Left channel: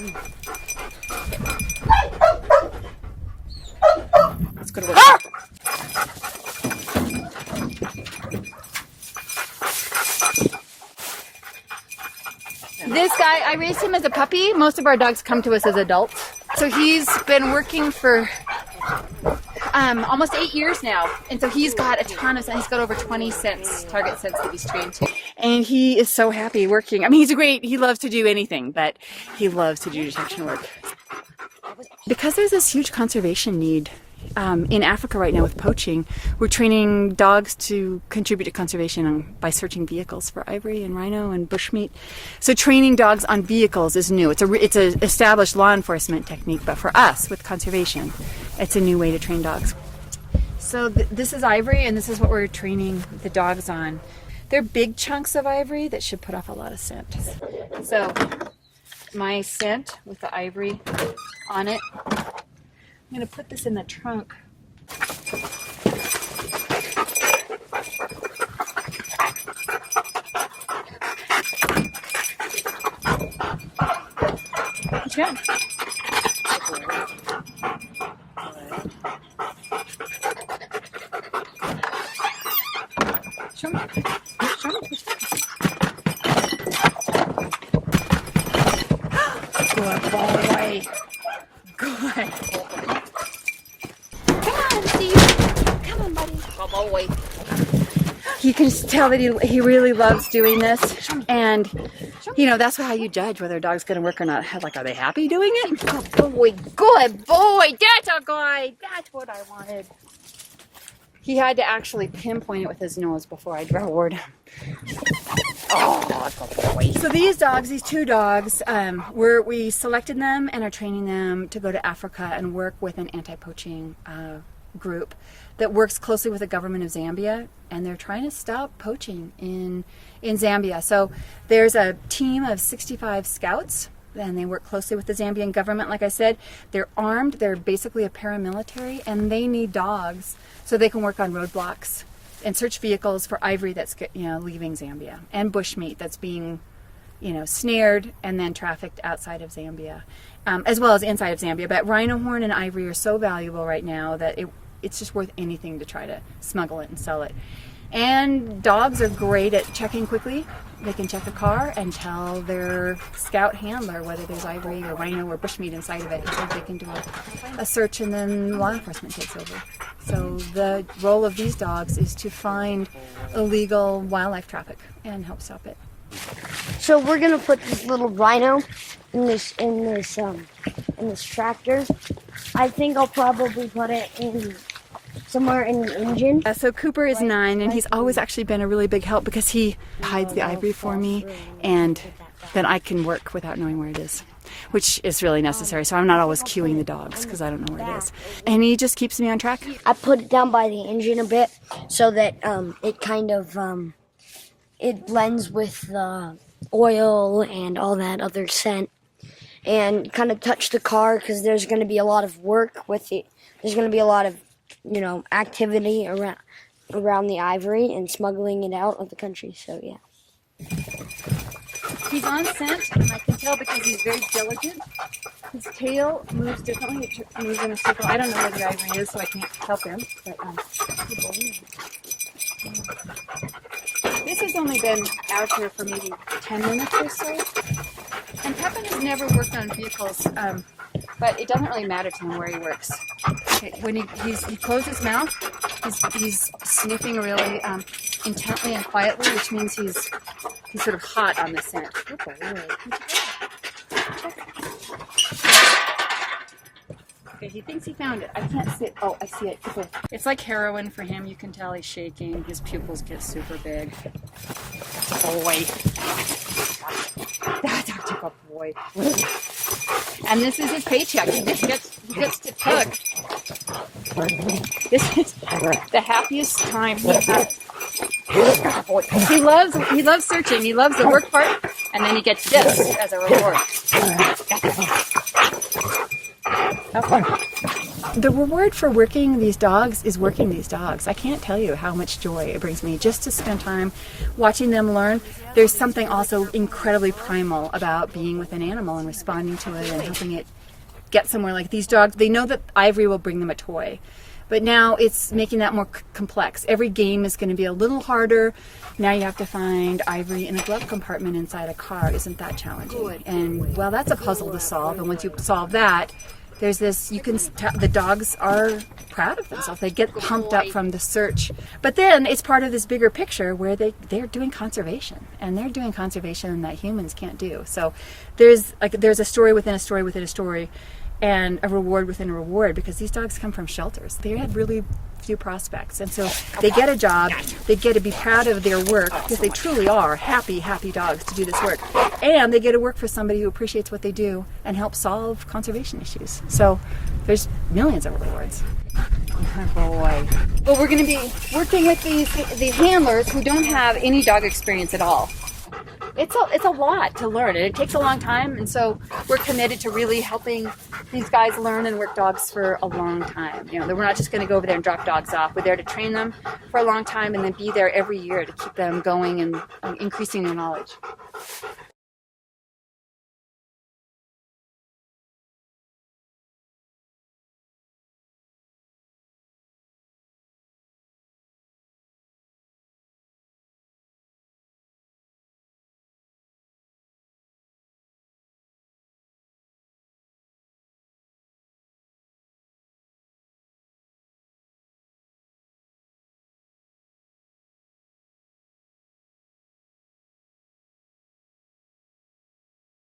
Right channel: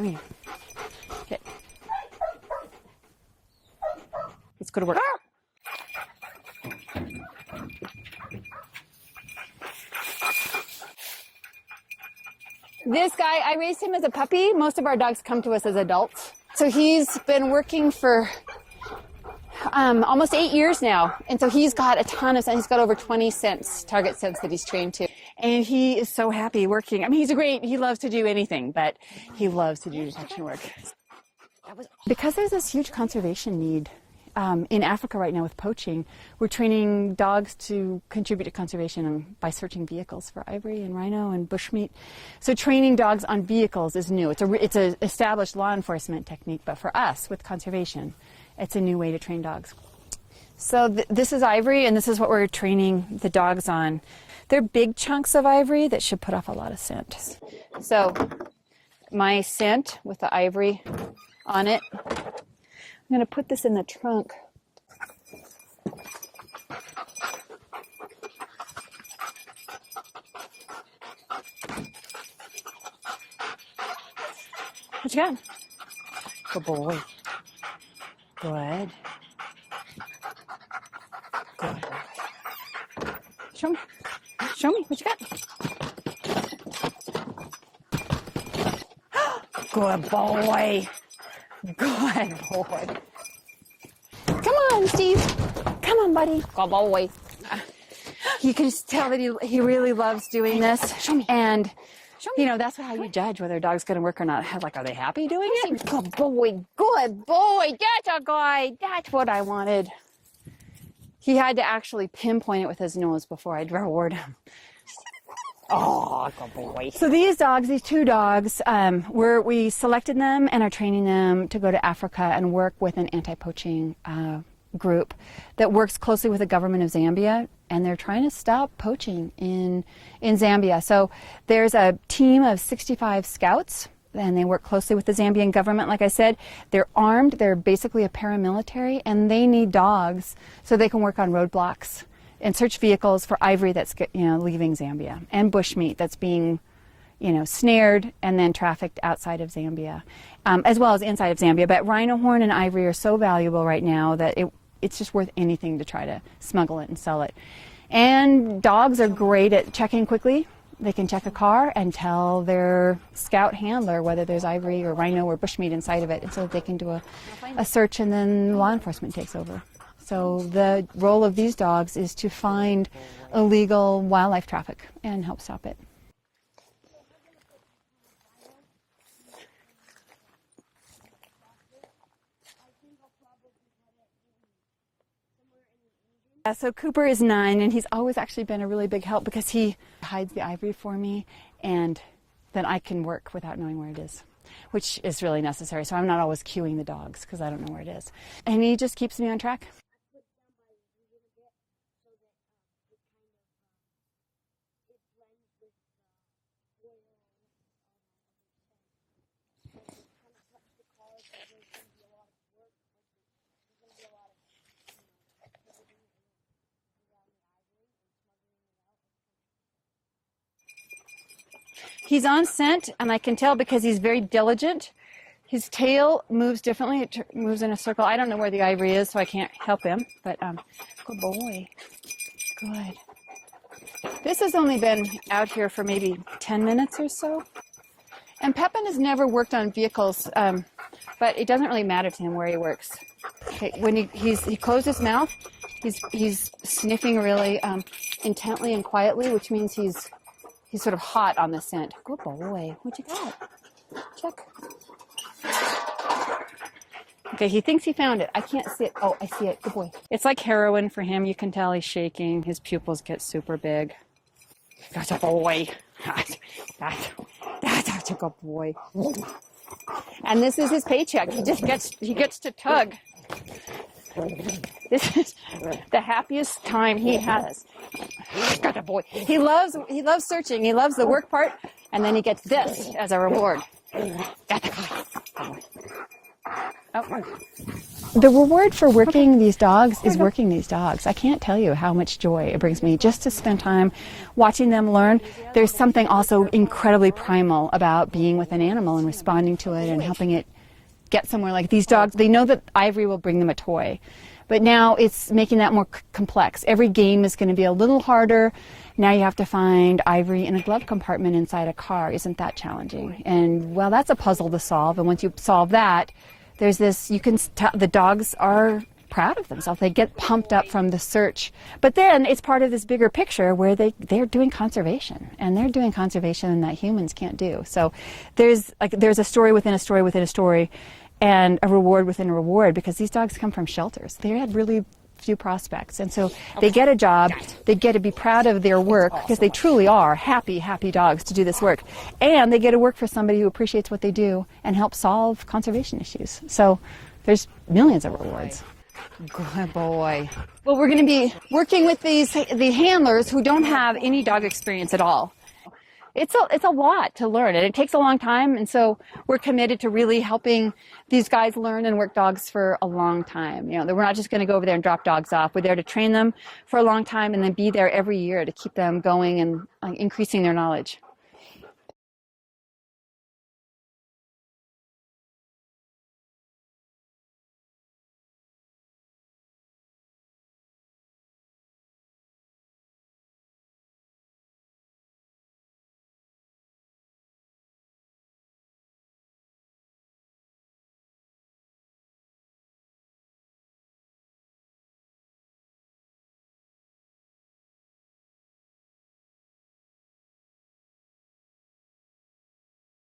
Come here. Let's go to work. This guy, I raised him as a puppy. Most of our dogs come to us as adults. So he's been working for almost 8 years now. And so he's got a ton of scents. He's got over 20 scents, target scents that he's trained to. And he is so happy working. I mean, he loves to do anything, but he loves to do detection work. Because there's this huge conservation need in Africa right now with poaching, we're training dogs to contribute to conservation by searching vehicles for ivory and rhino and bushmeat. So training dogs on vehicles is new. It's a established law enforcement technique, but for us with conservation, it's a new way to train dogs. So this is ivory, and this is what we're training the dogs on. They're big chunks of ivory that should put off a lot of scent. So my scent with the ivory on it, I'm going to put this in the trunk. What you got? A bowl. Good. Show me. Show me what you got. Good boy. Good boy. Come on, Steve. Come on, buddy. Good boy. You can just tell that he really loves doing this. Show me. And, you know, that's how you judge whether a dog's going to work or not. Like, are they happy doing it? Good boy. Good boy. That's a guy. That's what I wanted. He had to actually pinpoint it with his nose before I dropped him. Oh, good boy. So these dogs, these two dogs, we selected them and are training them to go to Africa and work with an anti-poaching group that works closely with the government of Zambia, and they're trying to stop poaching in Zambia. So there's a team of 65 scouts, and they work closely with the Zambian government. Like I said, they're armed, they're basically a paramilitary, and they need dogs so they can work on roadblocks and search vehicles for ivory that's, you know, leaving Zambia, and bushmeat that's being, you know, snared and then trafficked outside of Zambia, as well as inside of Zambia. But rhino horn and ivory are so valuable right now that it's just worth anything to try to smuggle it and sell it. And dogs are great at checking quickly. They can check a car and tell their scout handler whether there's ivory or rhino or bushmeat inside of it, so they can do a search, and then law enforcement takes over. So the role of these dogs is to find illegal wildlife traffic and help stop it. So we're gonna put this little rhino in this tractor. I think I'll probably put it in somewhere in the engine. So Cooper is 9, and he's always actually been a really big help because he hides the ivory for me, and then I can work without knowing where it is, which is really necessary. So I'm not always cueing the dogs because I don't know where it is. And he just keeps me on track. I put it down by the engine a bit so that it kind of it blends with the oil and all that other scent, and kind of touch the car because there's going to be a lot of work with it. There's going to be a lot of, you know, activity around the ivory and smuggling it out of the country. So yeah. He's on scent, and I can tell because he's very diligent. His tail moves differently. It moves in a circle. I don't know where the ivory is, so I can't help him. But good boy. Good. This has only been out here for maybe 10 minutes or so. And Pepin has never worked on vehicles, but it doesn't really matter to him where he works. Okay, when he closes his mouth, he's sniffing really intently and quietly, which means he's sort of hot on the scent. Good boy. What'd you got? Check. Okay, he thinks he found it. I can't see it. Oh, I see it. Good boy. It's like heroin for him. You can tell he's shaking. His pupils get super big. That's a boy. That's a good boy. And this is his paycheck. He gets to tug. This is the happiest time he has. He loves searching. He loves the work part, and then he gets this as a reward. Okay. the reward for working these dogs is working these dogs. I can't tell you how much joy it brings me just to spend time watching them learn. There's something also incredibly primal about being with an animal and responding to it and helping it get somewhere. Like these dogs, they know that Ivory will bring them a toy, but now it's making that more complex. Every game is going to be a little harder. Now you have to find Ivory in a glove compartment inside a car. Isn't that challenging? And well, that's a puzzle to solve. And once you solve that, there's this, you can tell the dogs are proud of themselves. They get pumped up from the search. But then it's part of this bigger picture where they're doing conservation, and they're doing conservation that humans can't do. So there's a story within a story within a story, and a reward within a reward, because these dogs come from shelters. They had really few prospects, and so they get a job, they get to be proud of their work, because they truly are happy dogs to do this work, and they get to work for somebody who appreciates what they do and help solve conservation issues. So there's millions of rewards. Good boy. Well, we're going to be working with the handlers who don't have any dog experience at all. It's a lot to learn, and it takes a long time, and so we're committed to really helping these guys learn and work dogs for a long time. You know, we're not just going to go over there and drop dogs off. We're there to train them for a long time and then be there every year to keep them going and increasing their knowledge.